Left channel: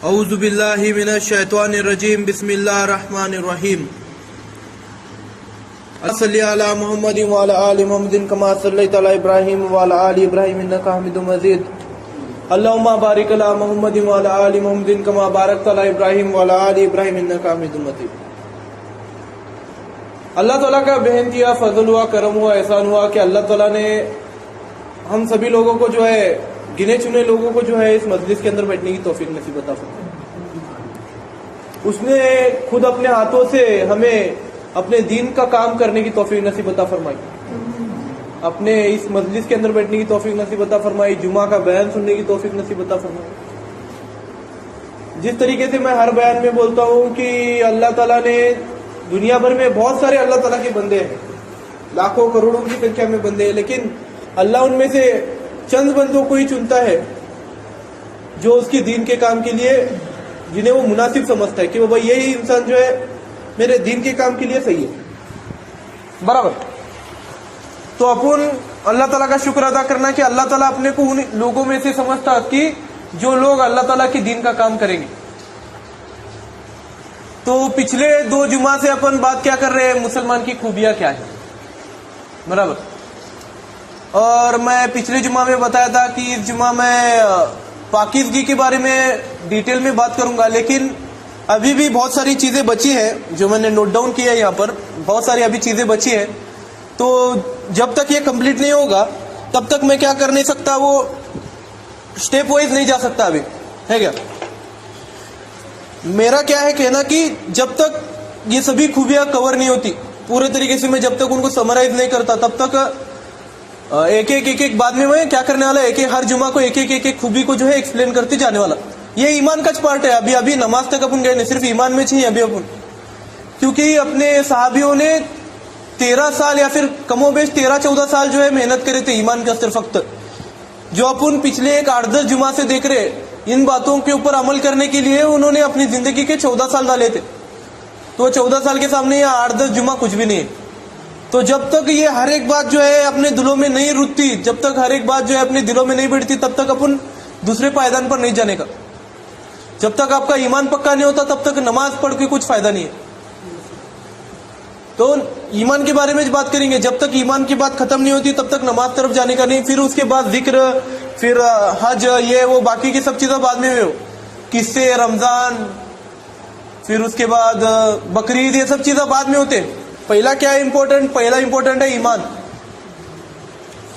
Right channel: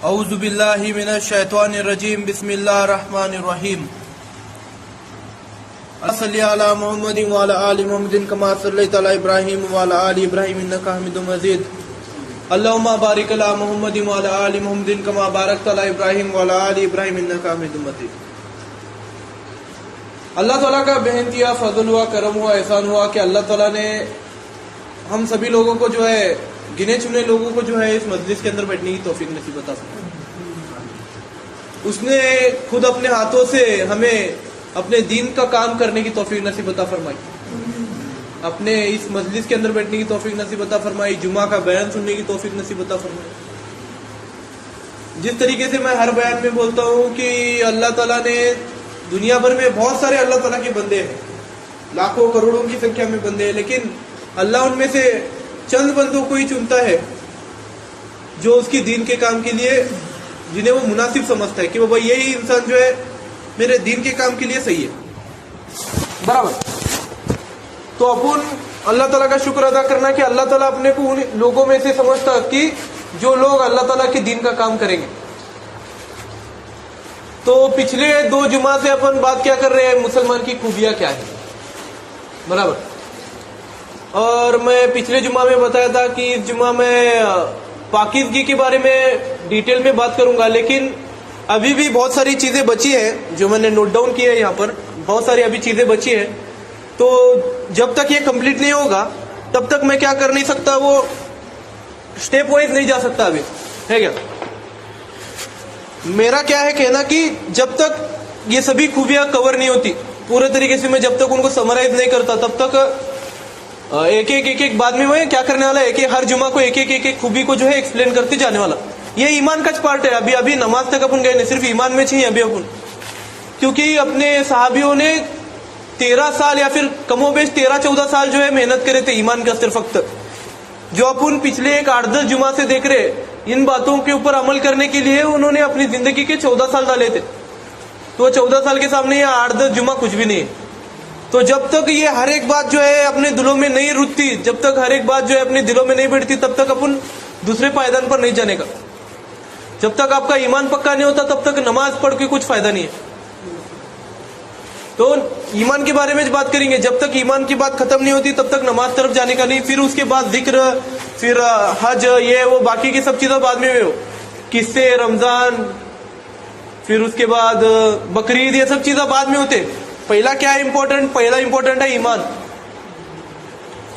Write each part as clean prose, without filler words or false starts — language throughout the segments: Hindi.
औज़ु बिल्लाहि मिनश शैतानिर रजीम बिस्मिल्लाहिर रहमानिर रहीम सल्ली अला मुहम्मदिन व अला आलि मुहम्मदिन कमा सल्लैता अला इब्राहीम व अला आलि इब्राहीम इन्नका हमीदुम मजीद अल्लाहुम्मा बारिक अला मुहम्मदिन व अला आलि मुहम्मदिन कमा बारकता अला इब्राहीम व अला आलि इब्राहीम इन्नका हमीदुम मजीद। अल्लाह ताला का बेहद किया फजल हुआ, करम हुआ, एहसान हुआ कि अल्लाह ताला ने हम सभी लोगों को जो है, गिने चुने लोगों को जो है इस मजलिस के अंदर बैठने की तौफीक नसीब अता फरमाई। उसने खुद अपने हाथों से हमें अपने दीन का काम करने की तौफीक नसीब अता फरमाई, अपने इस मजलिस के अंदर बैठने की तौफीक नसीब अता फरमाई, जुमा का बयान सुनने की तौफीक नसीब अता फरमाई। जिस तरीके से मैं हर बयान में बोलता हूँ कि अल्लाह ताला ने दुनिया भर में बहुत सारे अल्लाह ताला के बंदे हैं, लाखों करोड़ों की संख्या में बंदे हैं, लेकिन अल्लाह उनमें से चंद बंदों को ही चुनता है जो उसकी दीन के काम के लिए, जिन्हें वो मुनासिब समझता है कि बाबा यही इंसान जो है मेरे दीन के काम के लिए सही है, बराबर। तो अपन अल्लाह ताला का शुक्र अदा करना कि अल्लाह ताला अपने को उन लोगों में से समझता कि जो लोग अल्लाह ताला के दीन का काम करेंगे। तो पिछले 2 जुमा से अपन बात क्या कर रहे हैं, मुसलमान की खूबियां क्या है, बराबर। और मैं पिछले जुमा में बताया था कि इस जुमा में पाकिज़गी के बारे में डिटेल में बात करूंगा, लेकिन अभी भी बहुत सारी चीजें बची है जो मैंने नोट डाउन किया है। यहाँ पर बहुत सारी अभी चीजें बची है, तो जब तक ये कंप्लीट नहीं होगा तब तक मैं क्या कर नहीं सकता, वो स्टेप वाइज नहीं जा सकता अभी, है क्या। मेरा क्या है कहना कि जब तक ये सभी खूबियां कवर नहीं होती पूरे तरीके से, मैं जब तक उनको समराइज नहीं करता तब तक एक एक बाद में मैं क्या करने वाला, हर जुमा को एक एक खूबी को जो है एक्सप्लेन करते जाने वाला। ये ईमान का पार्ट है। अभी नमाज तक अपन गए नहीं, सिर्फ ईमान में चाहिए अभी अपन, क्योंकि अपने सहाबियों ने 13 साल या फिर कमोबेश 13-14 साल जो है मेहनत करे थे ईमान का सिर्फ वक्त। जो अपन पिछले 8-10 जुमा से देख रहे, इन बातों के ऊपर अमल करने के लिए उन्होंने अपनी जिंदगी के 14 साल डाले थे। तो 14 साल के सामने ये 8-10 जुमा कुछ भी नहीं है। तो जब तक ये हर एक बात जो है अपने दिलों में नहीं रुकती, जब तक हर एक बात जो है अपने दिलों में नहीं बैठती, तब तक अपन दूसरे पायदान पर नहीं जाने का। जब तक आपका ईमान पक्का नहीं होता तब तक नमाज पढ़ के कुछ फायदा नहीं है। तो ईमान के बारे में बात करेंगे, जब तक ईमान की बात खत्म नहीं होती तब तक नमाज तरफ जाने का नहीं। फिर उसके बाद जिक्र, फिर हज, ये वो बाकी की सब चीजें बाद में, किस्से, रमजान, फिर उसके बाद बकरीद, ये सब चीजें बाद में होते। पहला क्या है इम्पोर्टेंट, पहला इम्पोर्टेंट है ईमान।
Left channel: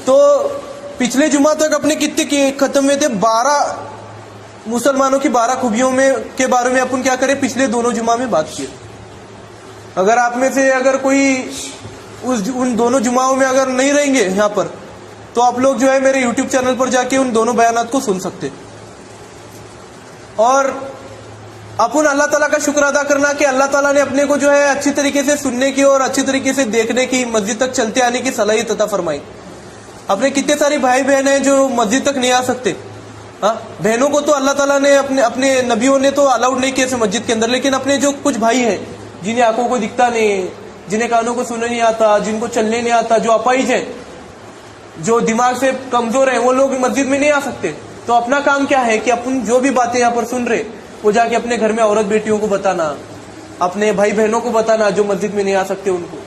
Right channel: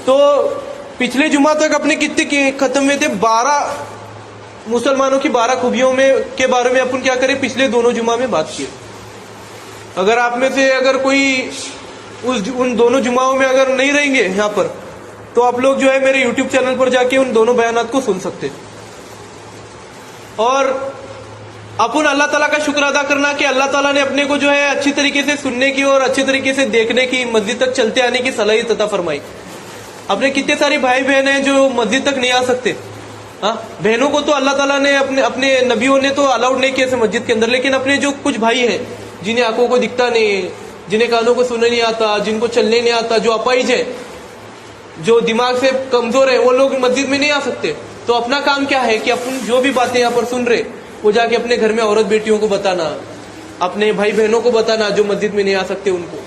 तो पिछले जुमा तक अपने कितने खत्म में थे, 12 मुसलमानों की 12 खूबियों में के बारे में अपन क्या करें, पिछले दोनों जुमा में बात किए। अगर आप में से अगर कोई उन दोनों जुमाओं में अगर नहीं रहेंगे यहाँ पर, तो आप लोग जो है मेरे यूट्यूब चैनल पर जाके उन दोनों बयानात को सुन सकते। और अपन अल्लाह ताला का शुक्र अदा करना कि अल्लाह ताला ने अपने को जो है अच्छी तरीके से सुनने की और अच्छी तरीके से देखने की, मस्जिद तक चलते आने की सलाहियत अता फरमाई। अपने कितने सारे भाई बहन हैं जो मस्जिद तक नहीं आ सकते। हाँ, बहनों को तो अल्लाह ताला ने अपने नबियों ने तो अलाउड नहीं किया मस्जिद के अंदर, लेकिन अपने जो कुछ भाई हैं जिन्हें आंखों को दिखता नहीं, जिन्हें कानों को सुनने नहीं आता, जिनको चलने नहीं आता, जो अपाहिज है, जो दिमाग से कमजोर है, वो लोग मस्जिद में नहीं आ सकते। तो अपना काम क्या है कि अपन जो भी बातें यहाँ पर सुन रहे वो जाके अपने घर में औरत बेटियों को बताना, अपने भाई बहनों को बताना जो मस्जिद में नहीं आ सकते उनको,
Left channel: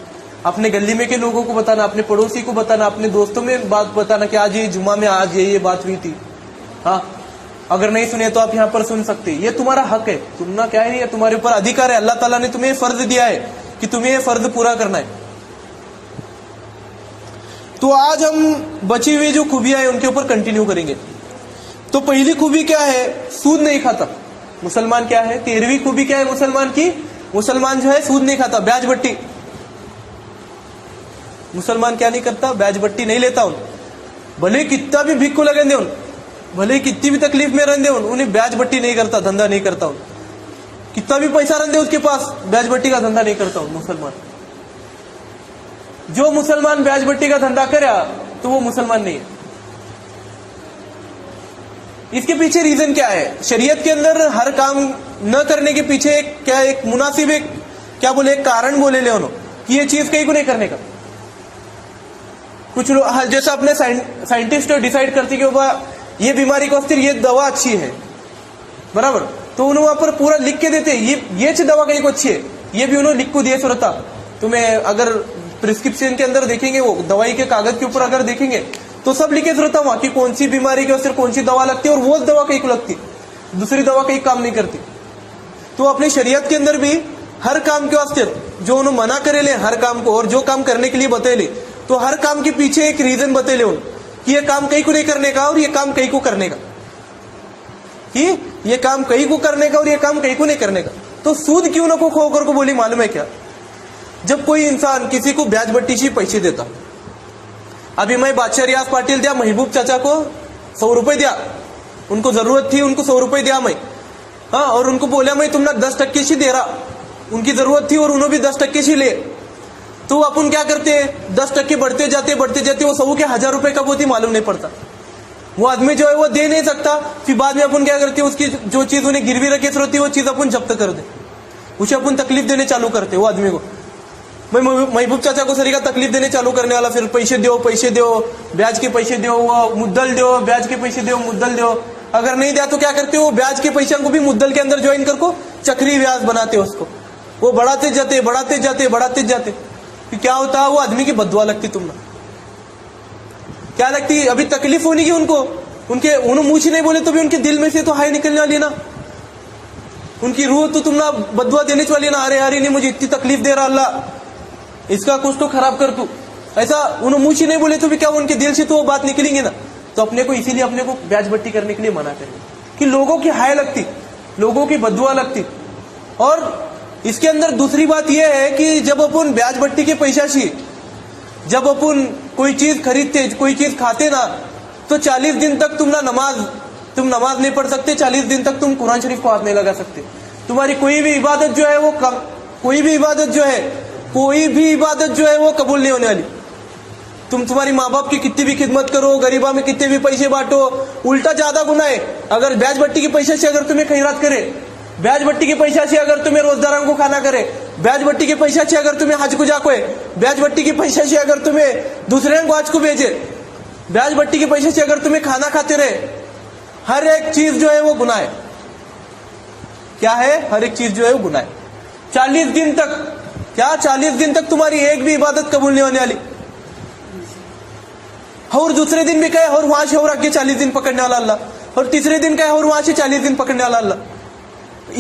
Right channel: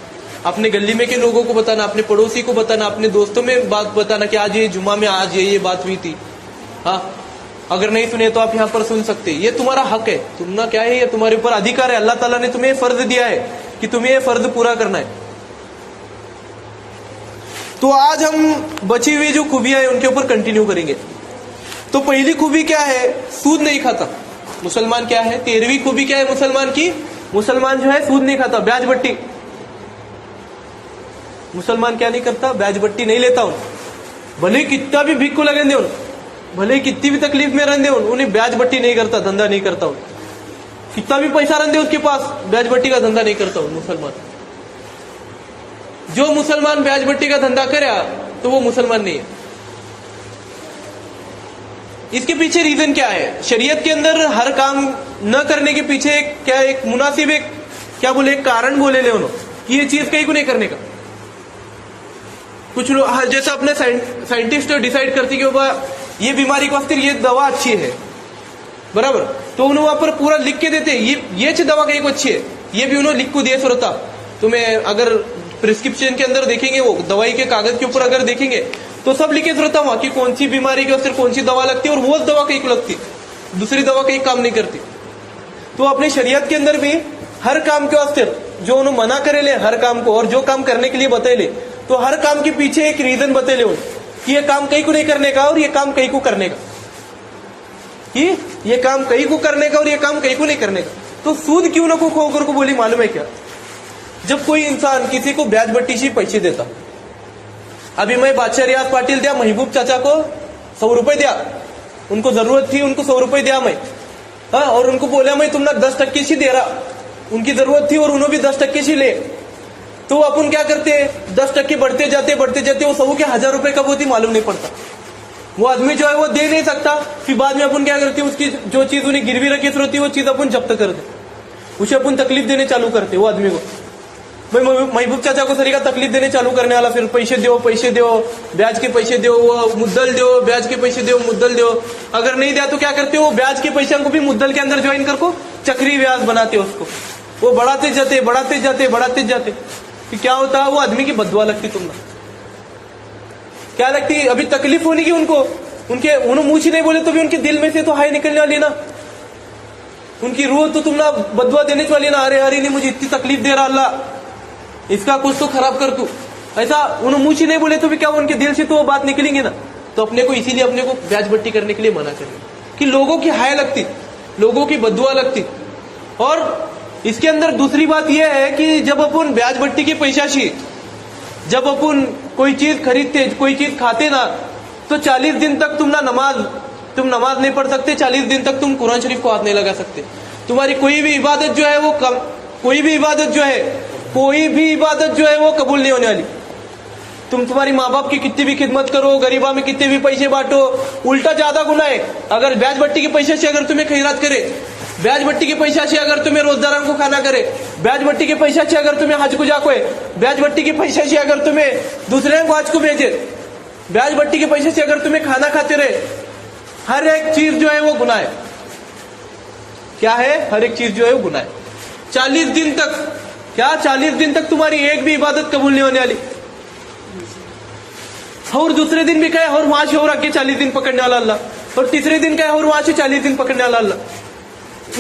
अपने गली में के लोगों को बताना, अपने पड़ोसी को बताना, अपने दोस्तों में बात बताना कि आज ये जुमा में आज ये बात हुई थी। हाँ, अगर नहीं सुने तो आप यहाँ पर सुन सकते। ये तुम्हारा हक है, तुमना क्या है, ये तुम्हारे ऊपर अधिकार है। अल्लाह ताला ने तुम्हें फर्ज दिया है कि तुम्हें ये फर्ज पूरा करना है। तो आज हम बची हुई जो खूबियां है उनके ऊपर कंटिन्यू करेंगे। तो पहली खूबी क्या है, सूद नहीं खाता मुसलमान। क्या है 13वीं खूबी क्या है मुसलमान की, मुसलमान जो है सूद नहीं खाता, ब्याज बट्टी। मुसलमान क्या नहीं करता, ब्याज बट्टी नहीं लेता हूं, भले कितना भी भिक्खू लगे दे, भले कितनी भी तकलीफ में रहने, उन्हें ब्याज बट्टी नहीं करता, धंधा नहीं करता हूं। कितना भी पैसा रहने उसके पास, ब्याज बट्टी का धंधा नहीं करता हूं मुसलमान। जो मुसलमान ब्याज बट्टी का धंधा करे तो वो मुसलमान नहीं है। इसके पीछे रीजन क्या है, शरीयत के अंदर हर काम न करने के पीछे एक मुनासिब एक कारण बोले ले कि ये चीज कहीं को नहीं करने का। कुछ लोग जैसे अपने साइंटिस्ट डिसाइड करते कि ये बीमारी को फिर ये दवा अच्छी है, बराबर। तो उन्होंने वहां पर पूरा लिख के देते, ये दवा कहीं को अच्छी है, ये भी उन्होंने लिख को दिए सुरता। तुम्हें अगर प्रिस्क्रिप्शन के अंदर देखेंगे, वो दवाई के कागज के ऊपर अगर देखेंगे तो सब लिखे सुरता वहां की कौन सी बीमारी के उससे कौन सी दवा लगती है, और वो दवा कहीं को लगती, दूसरी दवा कहीं काम नहीं करती। तो अपनी शरीयत के अंदर भी हर काम के वास्ते जो उन्होंने मना करे ले हर काम को, और जो काम करने के लिए बता ले, तो हर काम के पीछे एक रीजन बता ले कि ये काम कहीं को नहीं करने का और ये काम कहीं को करने का, कि ये काम कहीं को करने का और ये काम कहीं को नहीं करने का। तो सूद क्यों ना को खोकर को बोली मालूम है क्या? जब कोई इंसान किसी को ब्याज बट्टी से पैसे देता, अभी मैं बादशाह रियाज पाटिल दिया महबूब चाचा को 100 रुपए दिया, उनको जरूरत थी, उनको 100 रुपए दिया मैं, हाँ, और उनको बोला मैं तुमने 10% से दे रहा, उनकी जरूरत थी और उन्होंने भी 10% से ले, तो अपन क्या करते, 10% बढ़ते जाते वो 100 के 1000 रुपए कब होती मालूम नहीं पड़ता। वो आदमी जो है वो दे नहीं सकता, फिर बाद में अपन क्या करते हैं, उसकी जो चीज उन्हें गिरवी रखी होती है वो चीज अपन जब्त कर दे, उसे अपन तकलीफ देने चालू करते वो आदमी को। भाई महबूब चाचा को सरी का तकलीफ देने चालू करने वाला, फिर पैसे दो ब्याज के पैसे दो, वो मुद्दल दो, ब्याज के पैसे दो, मुद्दल दो, अगर नहीं दिया तो क्या करते हो, ब्याज के पैसे को भी मुद्दल के अंदर ज्वाइन करको चक्री ब्याज बनाते उसको, वो बढ़ाते जाते। फिर क्या होता है, वो आदमी की बदुआ लगती तुमने, क्या लगती, अभी तकलीफ होने की उनको, उन्होंने मुंह से नहीं बोले तो भी उनके दिल में से तो हाय निकलने वाली ना, उनकी रूह तो तुमने बदुआ देने वाली ना, अरे नहीं मुझे इतनी तकलीफ दे रहा अल्लाह, इसका कुछ तो खराब कर तू, ऐसा उन्होंने मुंह से नहीं बोले तो भी क्या उनके दिल से तो वो बात निकलेंगे ना। तो अपने को इसीलिए अपने को ब्याज बट्टी करने के लिए मना करेंगे कि लोगों की हाय लगती, लोगों की बदुआ लगती। और इसके अंदर दूसरी बात यह है कि जब अपन ब्याज बट्टी के पैसा से जब अपन कोई चीज खरीदते, कोई चीज खाते ना, तो 40 दिन तक तुम नमाज नहीं पढ़ सकते, 40 दिन तक तुम कुरान शरीफ को हाथ नहीं लगा सकते। तुम्हारी कोई भी इबादत जो है वो कबूल नहीं होने वाली। तुम्हारी माँ बाप की कितनी भी खिदमत करो, गरीबा में कितने भी पैसे बांटो, उल्टा ज्यादा गुना है। अगर ब्याज बट्टी के पैसे से अगर तुम्हें खैरात करे, ब्याज बट्टी के पैसा से अगर तुम्हें रोजदारों को खाना करे, ब्याज बट्टी के पैसा से अगर तुम्हें हज को जाको है, ब्याज बट्टी के पैसा से अगर तुम्हें दूसरे को हज को भेजे, ब्याज बट्टी के पैसे से अगर तुम्हें खाना खाते रहे, हर एक चीज जो है वो गुनाह है। क्या है? हर एक चीज जो है वो गुनाह है। 40 दिन तक तुम्हारी एक भी इबादत कबूल नहीं होने वाली। और दूसरे दिन भी कहे और वहां से और आगे 40 दिन पकड़ने वाला अल्लाह, और तीसरे दिन कहे और वहां से 40 दिन पकड़ने वाला अल्लाह।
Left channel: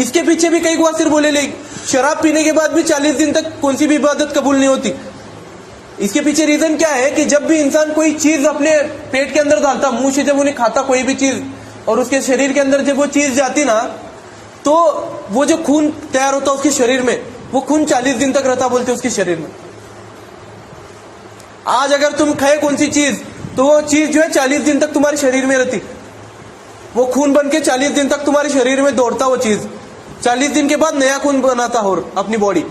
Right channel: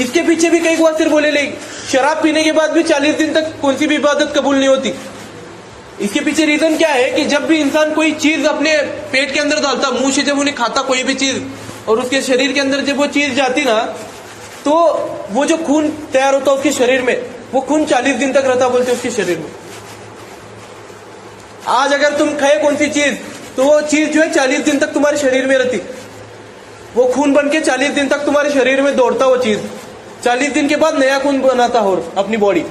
इसके पीछे भी कई बार सिर्फ बोले ले, शराब पीने के बाद भी 40 दिन तक कौन सी भी इबादत कबूल नहीं होती। इसके पीछे रीजन क्या है कि जब भी इंसान कोई चीज अपने पेट के अंदर डालता, मुंह से जब उन्हें खाता कोई भी चीज, और उसके शरीर के अंदर जब वो चीज जाती ना, तो वो जो खून तैयार होता उसके शरीर में, वो खून 40 दिन तक रहता बोलते उसके शरीर में। आज अगर तुम खाए कौन सी चीज, तो वो चीज जो है 40 दिन तक तुम्हारे शरीर में रहती, वो खून बन के 40 दिन तक तुम्हारे शरीर में दौड़ता वो चीज, 40 दिन के बाद नया खून बनाता हो अपनी बॉडी।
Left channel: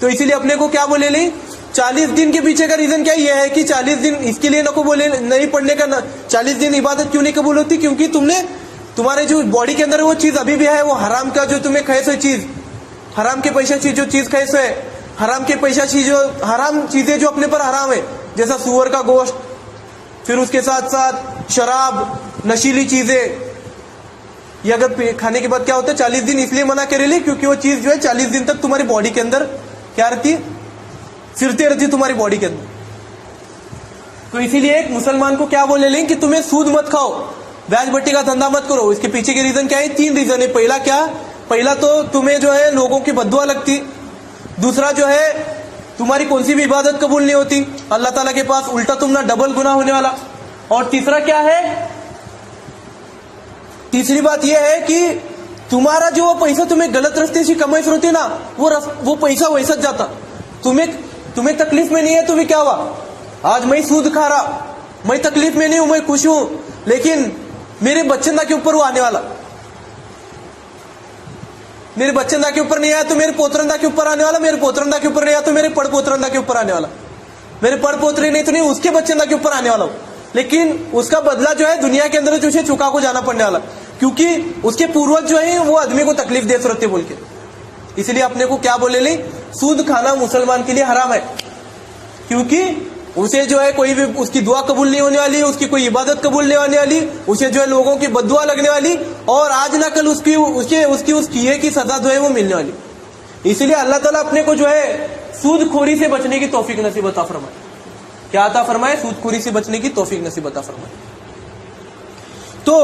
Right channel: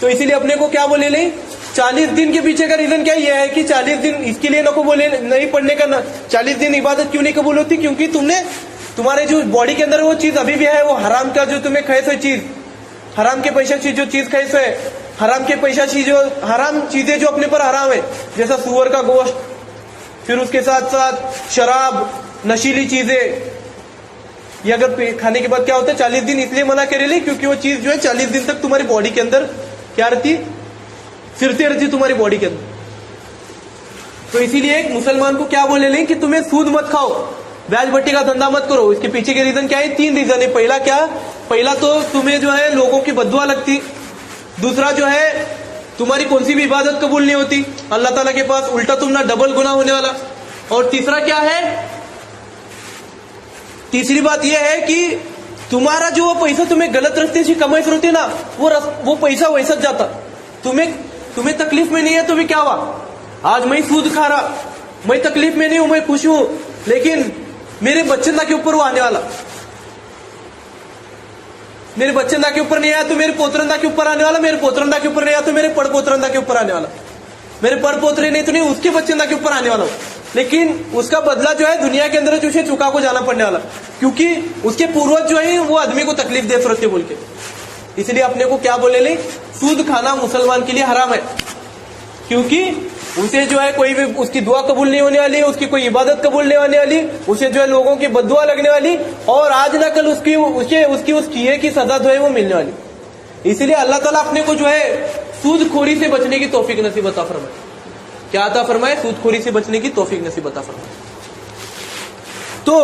तो इसीलिए अपने को क्या बोले नहीं, 40 दिन के पीछे का रीजन क्या ये है कि 40 दिन इसके लिए नको बोले नहीं पढ़ने का ना, 40 दिन इबादत क्यों नहीं कबूल होती, क्योंकि तुमने तुम्हारे जो बॉडी के अंदर वो चीज अभी भी है, वो हराम का जो तुम्हें खाए सो चीज, हराम के पैसे से जो चीज खाए सो है, हराम के पैसा से जो हराम चीजें जो अपने पर हराम है, जैसा सुअर का गोश्त, फिर उसके साथ साथ शराब, नशीली चीजें, ये अगर खाने के बाद क्या होता है 40 दिन इसलिए मना करेली क्योंकि वो चीज जो है 40 दिन तक तुम्हारी बॉडी के अंदर क्या रहती, फिरती रहती तुम्हारी बॉडी के अंदर। तो इसीलिए एक मुसलमान को क्या बोले लें कि तुम्हें सूद मत खाओ, ब्याज बट्टी का धंधा मत करो। इसके पीछे के रीजन क्या है? 3 रीजन है। पहला क्या? पहला तो तुम्हें जो है लोगों की बद्दुआ लगती, दूसरा जो है तुम्हारी कौन सी भी इबादत कबूल नहीं होती अल्लाह ताला के पास, उल्टा तुमने डबल गुनाह होने वाला, और तीसरा क्या है? तीसरी बात यह है कि तुम्हारा जो पैसा तुम्हें गलत रास्ते से कमाई फिर होती ना, वो पैसा वैसा जाता, तुम्हें तकलीफ में नहीं है तो भी क्या हुआ, आज मैं सूद खा रहा, मैं तकलीफ में नहीं हूं, मैं खुश हूं, लेकिन मेरे बच्चंदा के ऊपर वो आने वाला, मेरे बच्चंदा के ऊपर नहीं आया तो मेरे पोतरंदा के ऊपर आने वाला, मेरे पोतरंदा के ऊपर नहीं आया तो मेरे पड़पोतरंदा के ऊपर आने वाला, मेरे पड़पोतरे नहीं तो नहीं उसके बच्चंदा के ऊपर आने वाला। लेकिन उसका बदला जो है दुनिया के अंदर उसे चुका को जाना पड़ने वाला, क्योंकि उसके पूर्वज जो है वो आदमी को तकलीफ दे सकते बोल के। इसलिए अपने को क्या बोले ले, सूद खाना मुसलमान के लिए हराम है, क्योंकि उसे जो है कोई भी उसकी दुआ कबूल नहीं होने वाली, उसकी कोई इबादत कबूल नहीं होने वाली, उसे जो है लोगों की बद्दुआ लगने वाली, और आज ना कल उसकी उस किए की सजा जो है वो मिलने वाली। इसलिए अल्लाह ताला अपने को जो है सूदखोरी से बचने की तौफीक नसीब अता फरमाए। क्या अता फरमाए? सूदखोरी से बचने की तौफीक नसीब अता फरमाए। तो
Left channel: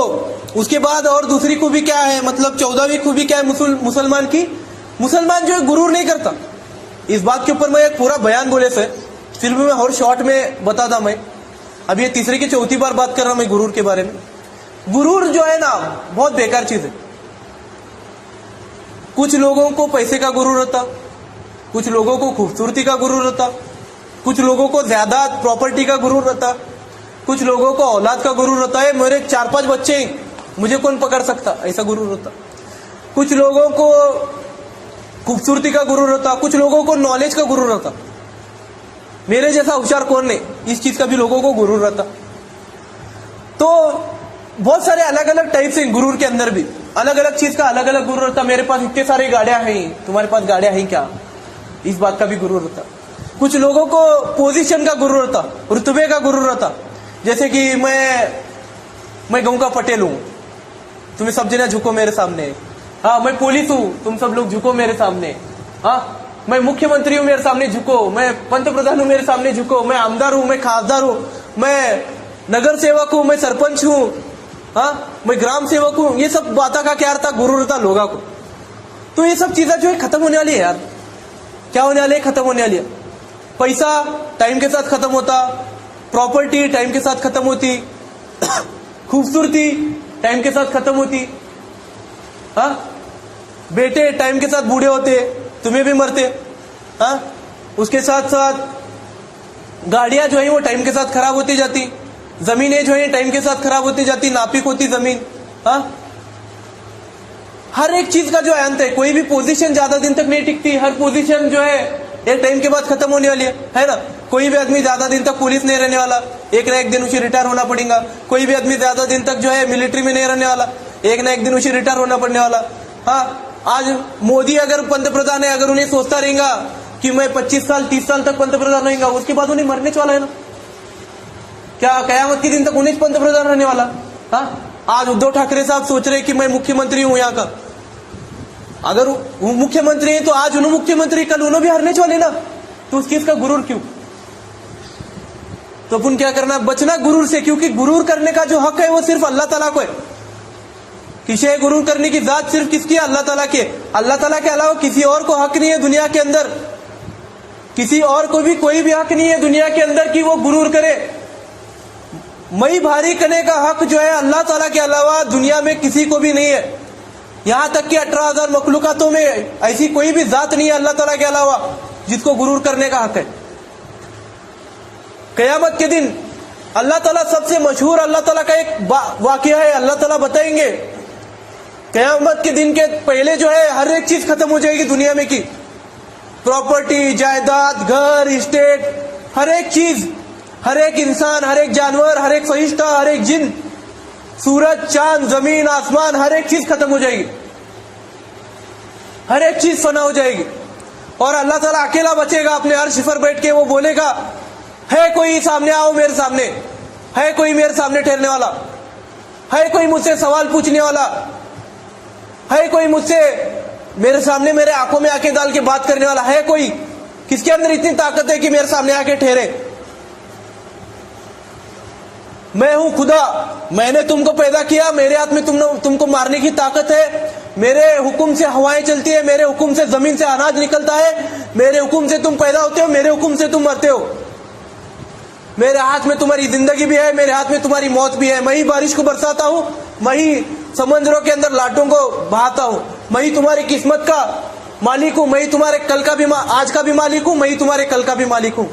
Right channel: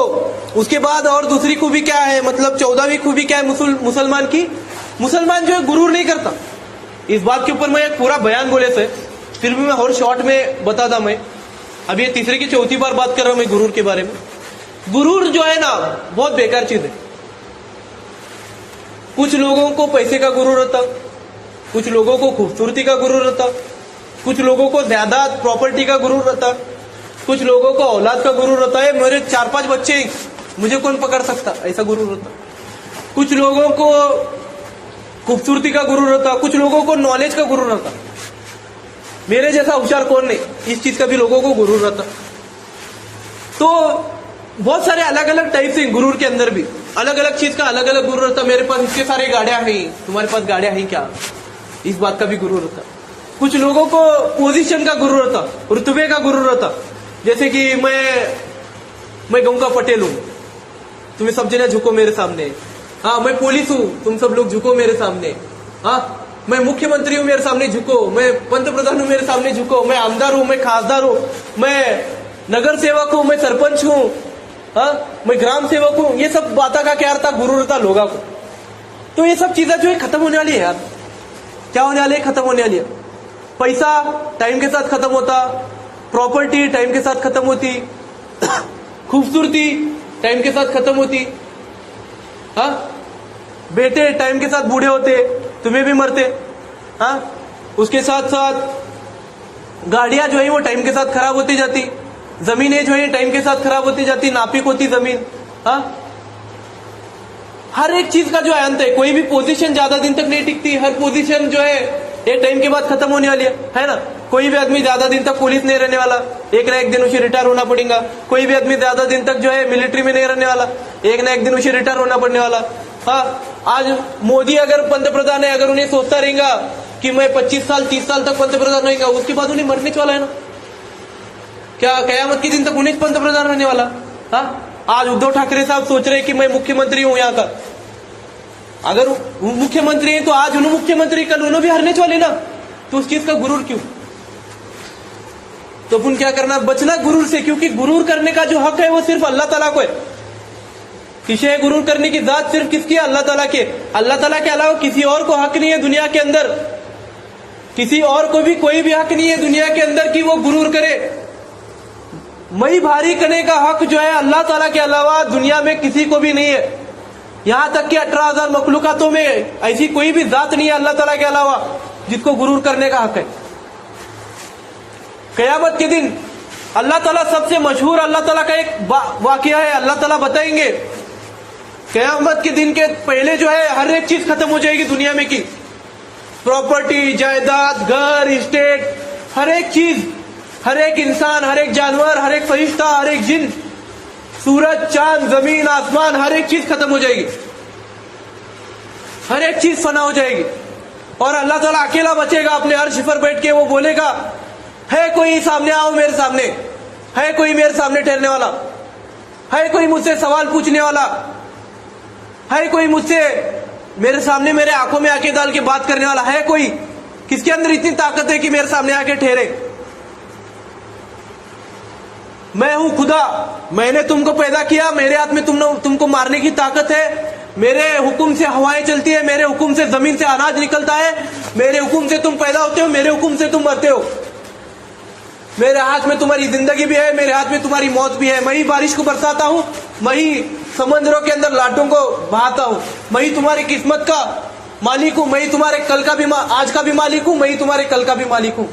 उसके बाद और दूसरी खूबी क्या है, मतलब 14वीं खूबी क्या है मुसलमान की? मुसलमान जो है गुरूर नहीं करता। इस बात के ऊपर मैं एक पूरा बयान बोले से फिर भी मैं और शॉर्ट में बताता। मैं अब ये तीसरी की चौथी बार बात कर रहा हूं मैं गुरूर के बारे में। गुरूर जो है ना बहुत बेकार चीज है। कुछ लोगों को पैसे का गुरूर होता, कुछ लोगों को खूबसूरती का गुरूर होता, कुछ लोगों को ज्यादा प्रॉपर्टी का गुरूर होता, कुछ लोगों को औलाद का गुरूर होता है, मेरे 4-5 बच्चे हैं, मुझे कौन पकड़ सकता, ऐसा गुरूर होता। कुछ लोगों को खूबसूरती का गुरूर होता, कुछ लोगों को नॉलेज का गुरूर होता, मेरे जैसा होशियार कौन नहीं, इस चीज का भी लोगों को गुरूर होता। तो बहुत सारे अलग अलग टाइप से गुरूर के अंदर भी अलग अलग चीज का अलग अलग गुरूर होता। मेरे पास इतने सारे गाड़ियां हैं, तुम्हारे पास गाड़ियां हैं क्या, इस बात का भी गुरूर होता। कुछ लोगों को पोजीशन का गुरूर होता, रुतबे का गुरूर होता, जैसे कि मैं गांव का पटेल हूं, तुम्हें सब जने झुको मेरे सामने। हाँ, मैं पुलिस हूं, तुम सब लोग झुको मेरे सामने। हाँ, मैं मुख्यमंत्री हूं, मेरे सामने झुको। मैं पंतप्रधान हूं, मेरे सामने झुको। मैं आमदार हूं, मैं खासदार हूं, मैं नगर सेवक हूं, मैं सरपंच हूं, हाँ, मैं ग्राम सेवक हूं। ये सब बातों का क्या अर्थ था? गुरूर होता लोगों को। तो ये सब चीजें जो है खत्म होने वाली है यार। क्या होने वाली है? खत्म होने वाली है। पैसा टाइम के साथ खत्म होता, प्रॉपर्टी टाइम के साथ खत्म होती, खूबसूरती टाइम के साथ खत्म होती, हाँ, बेटे टाइम के साथ बूढ़े होते, तुम्हें भी मरते, हाँ, उसके साथ साथ गाड़ियां जो है वो टाइम के साथ खराब होती जाती, जमीनें जो है टाइम के साथ खराब होती जाती, नापिक होती जमीन, हाँ, हर एक चीज का जो है अंत है। कोई भी पोजीशन ज्यादा दिन तक नहीं टिकती, हर पोजीशन जो है एक टाइम के बाद खत्म होने वाली है ना। कोई भी आदमी ज्यादा दिन तक पुलिस नहीं रहने वाला, एक ना एक दिन उसे रिटायर होना पड़ेगा। कोई भी आदमी ज्यादा दिन तक जो है मिलिट्री में नहीं रहने वाला, एक ना एक दिन उसे रिटायर होना पड़ने वाला। हाँ, आज मोदी अगर पंतप्रधान है, अगर उन्हें सोचता रहेगा कि मैं 25 साल 30 साल तक पंतप्रधान रहेगा, उसके बाद उन्हें मरने वाला है ना। क्या कयामत के दिन तक उन्हें पंतप्रधान होने वाला? हाँ, आज उद्धव ठाकरे साहब सोच रहे कि मैं मुख्यमंत्री हूं यहाँ का। अगर वो मुख्यमंत्री है तो आज उन्होंने मुख्यमंत्री, कल उन्होंने भी हारने वाले ना। तो उस चीज का गुरूर क्यों? तो अपन क्या करना? बचना गुरूर से, क्योंकि गुरूर करने का जो हक है वो सिर्फ अल्लाह ताला को है। किसे गुरूर करने की जात सिर्फ किसकी है? अल्लाह ताला के। अल्लाह ताला के अलावा किसी और को हक नहीं है दुनिया के अंदर, किसी और को भी कोई भी हक नहीं है दुनिया के अंदर कि वो गुरूर करे। मई भारी करने का हक जो है अल्लाह ताला के अलावा दुनिया में किसी को भी नहीं है। यहां तक कि 18,000 मखलूकातों में ऐसी कोई भी जात नहीं है अल्लाह ताला के अलावा जिसको गुरूर करने का हक है। कयामत के दिन अल्लाह ताला सबसे मशहूर अल्लाह ताला का एक वाकया है, अल्लाह ताला बताएंगे कयामत के दिन के पहले जो है हर एक चीज खत्म हो जाएगी दुनिया में की, प्रॉपर्टी, जायदाद, घर, स्टेट, हर एक चीज, हर एक इंसान, हर एक जानवर, हर एक फरिश्ता, हर एक जिन, सूरज, चांद, जमीन, आसमान, हर एक चीज खत्म हो जाएगी, हर एक चीज फना हो जाएगी। और अल्लाह ताला अकेला बचेगा अपने अर्श पर बैठ के। वो बोलेगा, है कोई सामने आओ मेरे सामने, है कोई मेरे सामने ठहरने वाला, है कोई मुझसे सवाल पूछने वाला, है कोई मुझसे मेरे सामने मेरे आंखों में आंखें डाल के बात करने वाला, है कोई? किसके अंदर इतनी ताकत है कि मेरे सामने आके ठहरे? मैं हूं खुदा, मैंने तुमको पैदा किया, मेरे हाथ में तुमको मारने की ताकत है, मेरे हुक्म से हवाएं चलती है, मेरे हुक्म से जमीन से अनाज निकलता है, मेरे हुक्म से तुम पैदा होते हो, मेरे हुक्म से तुम मरते हो, मेरे हाथ में तुम्हारी जिंदगी भी है, मेरे हाथ में तुम्हारी मौत भी है। मैं ही बारिश को बरसाता हूं, मैं ही समंदरों के अंदर लाटों को बहाता हूं, मैं ही तुम्हारी किस्मत का मालिक हूं, मैं ही तुम्हारे कल का भी आज का भी मालिक हूं, मैं ही तुम्हारे कल का भी मालिक हूं।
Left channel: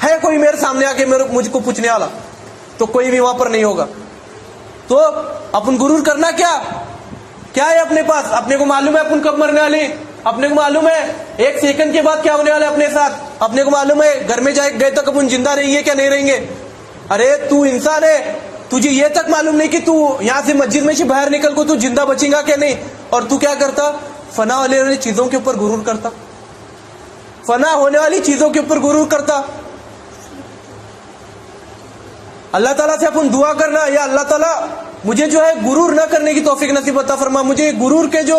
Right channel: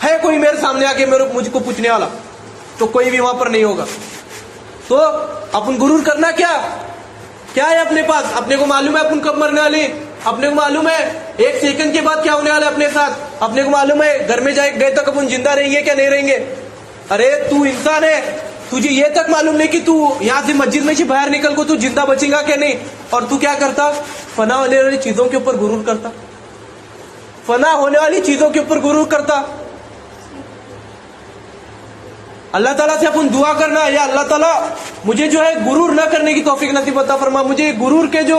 है कोई मेरे सामने आके मुझको पूछने वाला? तो कोई भी वहां पर नहीं होगा। तो अपन गुरूर करना क्या है अपने पास? अपने को मालूम है अपन कब मरने वाले, अपने को मालूम है 1 सेकंड के बाद क्या होने वाला है अपने साथ, अपने को मालूम है घर में गए तक अपन जिंदा रहेंगे क्या नहीं रहेंगे। अरे तू इंसान है, तुझे ये तक मालूम नहीं कि तू यहाँ से मस्जिद में से बाहर निकल को तू जिंदा बचेगा क्या नहीं। और तू क्या करता? फना होने वाली चीजों के ऊपर गुरूर करता, फना होने वाली चीजों के ऊपर गुरूर करता। अल्लाह ताला से अपन दुआ करना, या अल्लाह ताला मुझे जो है गुरूर न करने की तौफीक नसीब अता फरमा, मुझे गुरूर के जो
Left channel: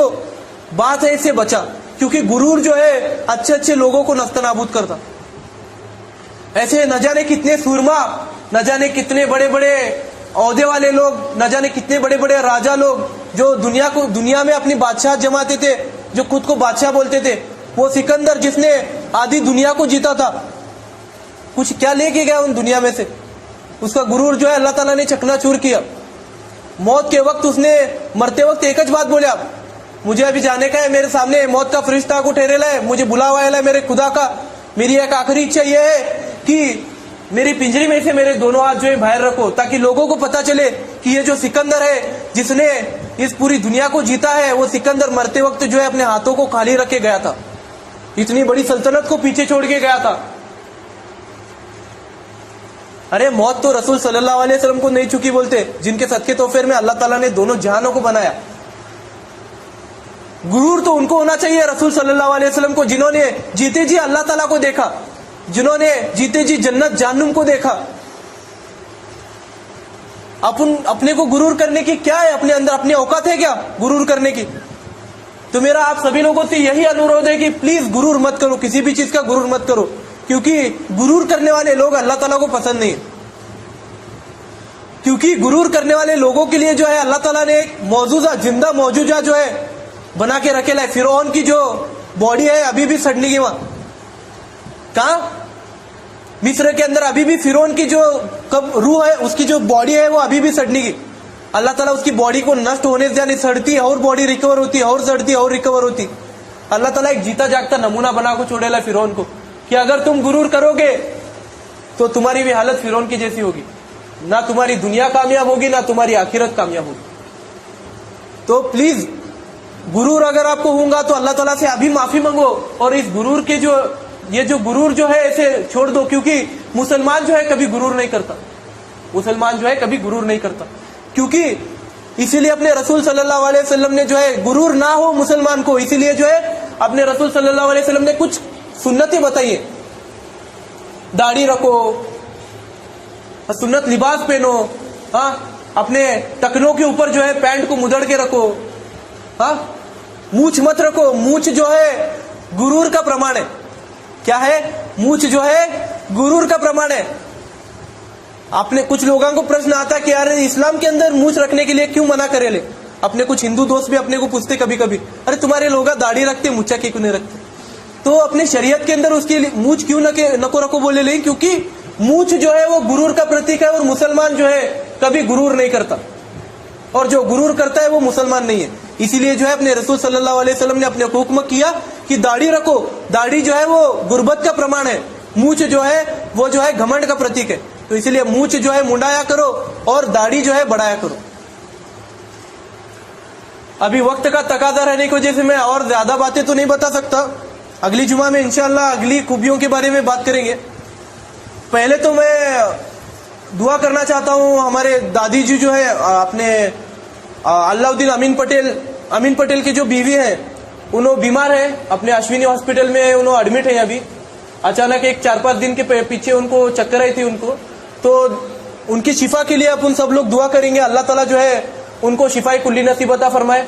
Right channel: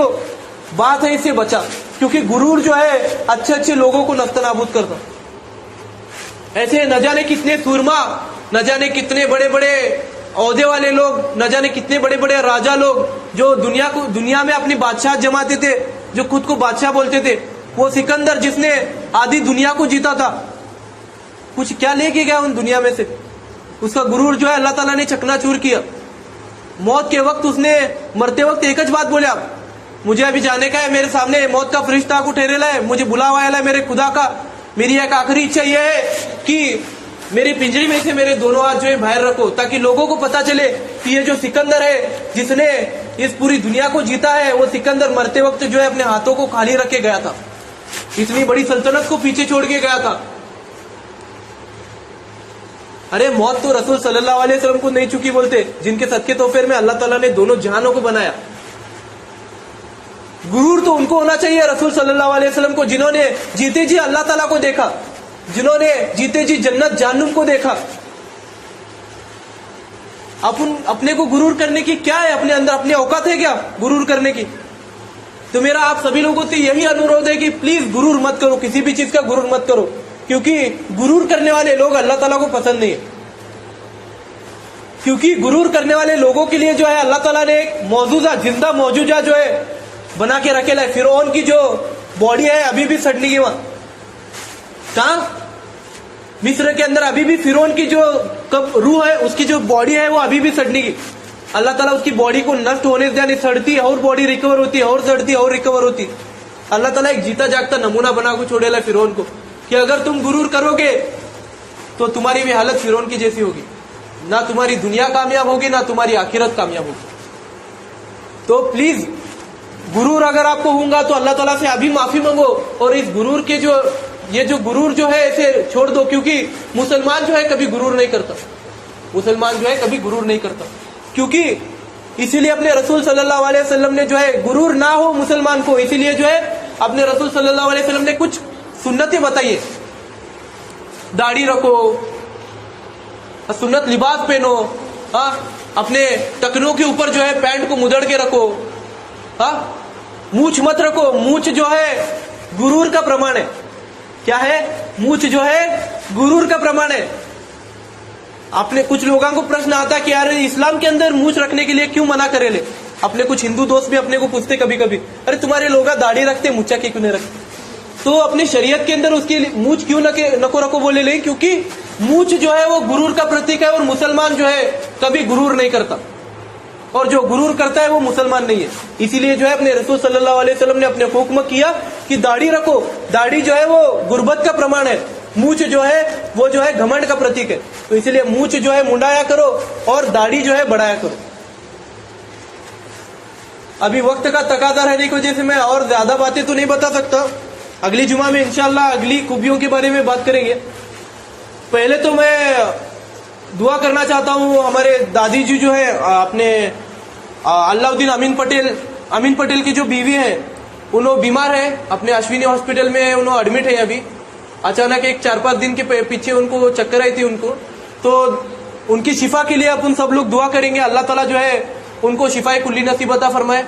बात है इससे बचा, क्योंकि गुरूर जो है अच्छे अच्छे लोगों को नफ्त नाबूद करता। ऐसे न जाने कितने सूरमा, न जाने कितने बड़े बड़े औहदे वाले लोग, न जाने कितने बड़े बड़े राजा लोग जो दुनिया में अपनी बादशाह जमाते थे, जो खुद को बादशाह बोलते थे, वो सिकंदर जिसने आधी दुनिया को जीता था, कुछ क्या लेके गया उन दुनिया में से? उसका गुरूर जो है अल्लाह ताला ने चकनाचूर किया। मौत के वक्त उसने मरते वक्त एक ज बात बोला, मुझे अभी जाने का है, मेरे सामने मौत का फरिश्ता को ठहरेला है, मुझे बुलावा है मेरे खुदा का, मेरी एक आखिरी इच्छा यह है कि मेरी पिंजरी में से मेरे दोनों हाथ जो है बाहर रखो, ताकि लोगों को पता चले कि ये जो सिकंदर है जिसने इस पूरी दुनिया को जीता है, वो सिकंदर मरते वक्त जो है अपने हाथों को खाली रख के गया था, इतनी बड़ी सल्तनत को पीछे छोड़ के गया था। अरे मौत तो रसूल सल्लल्लाहु अलैहि वसल्लम को नहीं चुकी बोलते, जिनके सदके तोफेर में अल्लाह ताला ने दोनों जहानों को बनाया। गुरूर तो उनको होना चाहिए रसूल सल्लल्लाहु अलैहि वसल्लम को, जिन्होंने जीते जी अल्लाह ताला को देखा, जिन्होंने जीते जी जन्नत जहन्नुम को देखा। अपन अपने को गुरूर करने की क्या है? अपने अंदर अपनी औकात है क्या गुरूर करने की? तो मेरा आप सभी लोगों से यही अनुरोध है कि प्लीज गुरूर मत करो, किसी भी चीज का गुरूर मत करो, क्योंकि गुरूर करने वाले लोग अल्लाह ताला को पसंद नहीं है। क्योंकि गुरूर करने वाले लोगों के लिए जो है अल्लाह ताला ने एक मौजूदा जिंदा मौजूदा जो है बना के रखेला है। फिरौन की जो बॉडी है अभी भी सड़ने की, वहां कहा मिस्र के अंदर अभी भी फिरौन की जो कब रूह है, उसकी जो बॉडी है वो अभी भी सड़ने की। अल्लाह ताला उसकी बॉडी को नष्ट होने से नहीं, सड़ती है और बॉडी रिकवर होती है, और सड़ती है और रिकवर होती। अल्लाह ताला एक जीता जागता नमूना बना को छोड़ेला फिरौन को, कि अगर तुम गुरूर करोगे तो तुम्हारी भी हालत फिरौन की जैसी होगी, ना तुम्हारी दुनिया कामयाब होगी ना तुम्हारी आखिरत कामयाब होगी। तो प्लीज गुरूर अगर आपको होगा तो अल्लाह ताला से अभी माफी मांगो, और इस गुरूर के ये जो गुरूर जो है इसे छोड़ दो, क्योंकि मुसलमान जो है कभी गुरूर नहीं करता, मुसलमान जो है कभी गुरूर नहीं करता, क्योंकि इसीलिए अपने रसूल सल्लल्लाहु अलैहि वसल्लम ने जो है गुरूर ना हो मुसलमान को, इसीलिए जो है अपने रसूल सल्लल्लाहु अलैहि वसल्लम ने कुछ सुन्नतें बताई है। दाढ़ी रखो, सुन्नत लिबास पहनो, अपने टकनों के ऊपर जो है पैंट को मुदड़ के रखो, मूछ मत रखो, मूछ जो है गुरूर का प्रमाण है। क्या है? मूछ जो है गुरूर का प्रमाण है। आपने कुछ लोगों को प्रश्न आता कि यार इस्लाम के अंदर मूछ रखने के लिए क्यों मना करेले? अपने कुछ हिंदू दोस्त भी अपने को पूछते कभी कभी, अरे तुम्हारे लोग दाढ़ी रखते मूछा क्यों नहीं रखते? तो अपने शरीयत के अंदर उसके मूछ क्यों नको रखो बोले नहीं, क्योंकि मूछ जो है वो गुरूर का प्रतीक है, और मुसलमान जो है कभी गुरूर नहीं करता, और जो गुरूर करता है वो मुसलमान नहीं है। इसीलिए जो है अपने रसूल सल्लल्लाहु अलैहि वसल्लम ने अपने हुक्म किया कि दाढ़ी रखो। दाढ़ी जो है वो गुर्बत का प्रमाण है, मूछ जो है वो जो है घमंड का प्रतीक है। तो इसीलिए मूछ जो है मुंडाया करो और दाढ़ी जो है बढ़ाया करो। अभी वक्त का तकाजा रहने की वजह से मैं और ज्यादा बातें तो नहीं बता सकता, अगली जुमा में इंशाअल्लाह अगली खूबियों के बारे में बात करेंगे। पहले तो मैं दुआ करना चाहता हूँ, हमारे दादी जी जो है अपने अलाउद्दीन अमीन पटेल की जो बीवी है, उन्होंने बीमार है, अपने अश्विनी हॉस्पिटल में उन्होंने एडमिट है। अभी अचानक एक 4-5 दिन के पीछे उनको चक्कर आई थी उनको, तो उनकी शिफा के लिए अपन सब लोग दुआ करेंगे। अल्लाह ताला जो है उनको शिफाए कुल्ली नसीब अता फरमाए।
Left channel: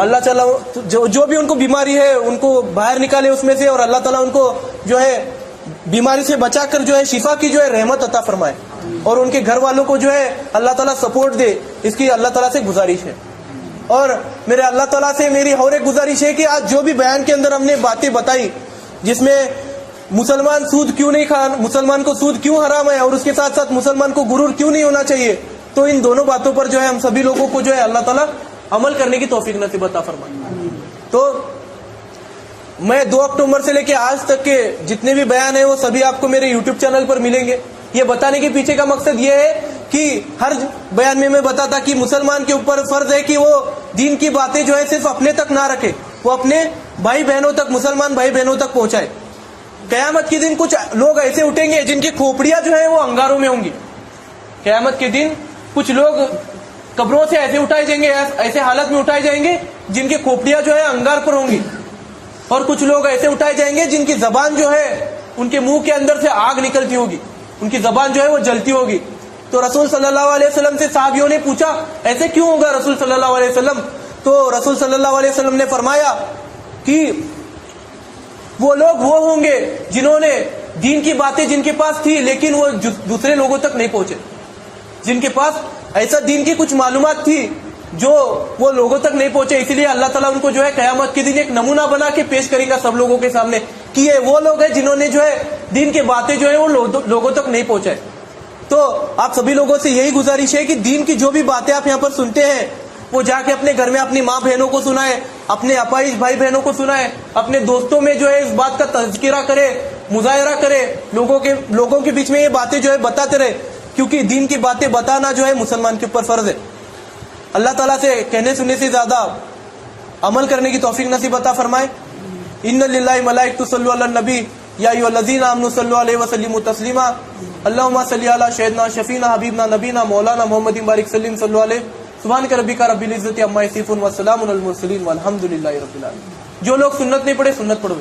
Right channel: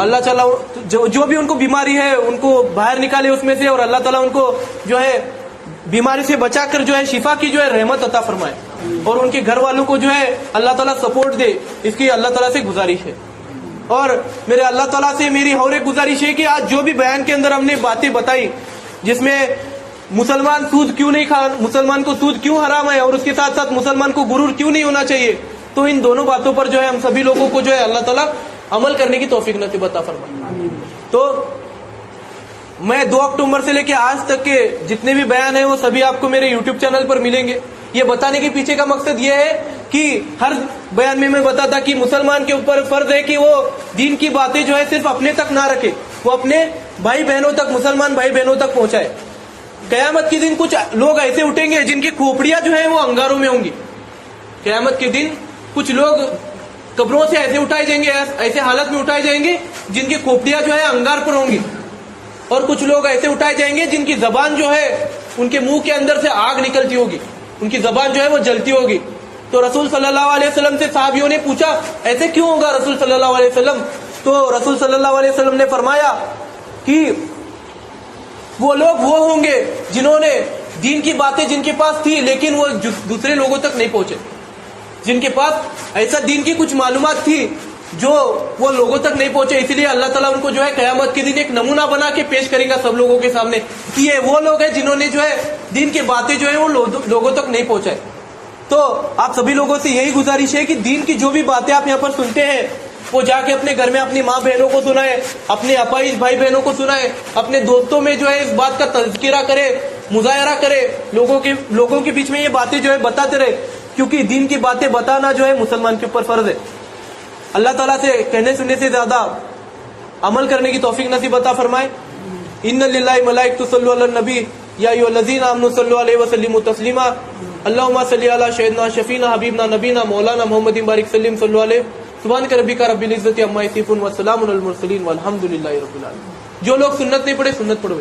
अल्लाह ताला जो भी उनको बीमारी है उनको बाहर निकाले उसमें से, और अल्लाह ताला उनको जो है बीमारी से बचाकर जो है शिफा की जो है रहमत अता फरमाए, और उनके घर वालों को जो है अल्लाह ताला सपोर्ट दे, इसकी अल्लाह ताला से गुजारिश है। और मेरे अल्लाह ताला से मेरी और एक गुजारिश है कि आज जो भी बयान के अंदर हमने बातें बताई, जिसमें मुसलमान सूद क्यों नहीं खा, मुसलमान को सूद क्यों हराम है, और उसके साथ साथ मुसलमान को गुरूर क्यों नहीं होना चाहिए, तो इन दोनों बातों पर जो है हम सभी लोगों को जो है अल्लाह ताला अमल करने की तौफीक नसीब अता फरमाए। तो मैं 2 अक्टूबर से लेकर आज तक के जितने भी बयान है वो सभी आपको मेरे YouTube चैनल पर मिलेंगे। ये बताने के पीछे का मकसद ये है कि हर बयान में मैं बताता कि मुसलमान के ऊपर फर्ज है कि वो दीन की बातें जो है सिर्फ अपने तक ना रखे, वो अपने भाई बहनों तक, मुसलमान भाई बहनों तक पहुंचाए। कयामत के दिन कुछ लोग ऐसे उठेंगे जिनकी खोपड़ियां जो है वो अंगारों में होंगी। कयामत के दिन कुछ लोग कब्रों से ऐसे उठाए जाएंगे, ऐसे हालत में उठाए जाएंगे जिनकी खोपड़ियां जो है अंगार पर होंगी, और कुछ लोग ऐसे उठाए जाएंगे जिनकी जबान जो है उनके मुंह के अंदर से आग निकलती होगी, उनकी जबान जो है वो जलती होगी। तो रसूल सल्लल्लाहु अलैहि वसल्लम से साहबियों ने पूछा ऐसे क्यों होगा रसूल सल्लल्लाहु अलैहि वसल्लम? तो रसूल सल्लल्लाहु अलैहि वसल्लम ने फरमाया कि वो लोग वो होंगे जिन्होंने दीन की बातें जिनके पास थी लेकिन वो दूसरे लोगों तक नहीं पहुंचे, जिनके पास ऐसा दीन की कुछ मालूमात थी जो वो लोगों तक नहीं पहुंचे, इसलिए अल्लाह ताला उनको जो है कयामत के दिन एक नमूना बना के पेश करेगा सब लोगों के सामने कि ये वो लोग हैं जिन्होंने जो है दीन की बातें जो है वो लोगों तक नहीं पहुंचाए। तो आप सभी लोगों से यही गुजारिश है कि दीन की जो भी बातें आप यहाँ पर सुनते हैं वो जाके अपने घर में अपनी माँ बहनों को सुनाए, अपने अपाइज भाई बहनों को सुनाए, अपने दोस्तों में जो है इस बात का तज़किरा करे, मुजाहरा करे, लोगों के बीच में ये बातें जो है बताते रहे, क्योंकि दीन की बातें बताना जो है मुसलमान के ऊपर फर्ज है। अल्लाह ताला से कहने सुनने से ज्यादा अमल करने की तौफीक नसीब अता फरमाए। इन्ना लिल्लाहि मलाइकतु सल्लु अलन नबी या अय्युहल्लज़ीना आमनु सल्लु अलैहि व सल्लिमु तस्लीमा अल्लाहुम्मा सल्लि अला सय्यिदना शफीना हबीबना नबीना मौलाना मुहम्मदिन बारिक सल्लिम सल्लु अलैहि सुभान रब्बिका रब्बिल इज्जति अम्मा यसिफून व सलामुन अलल मुरसलीन वल्हम्दुलिल्लाहि रब्बिल आलमीन। जो लोग सुन्नत नहीं पढ़े सुन्नत पढ़ो।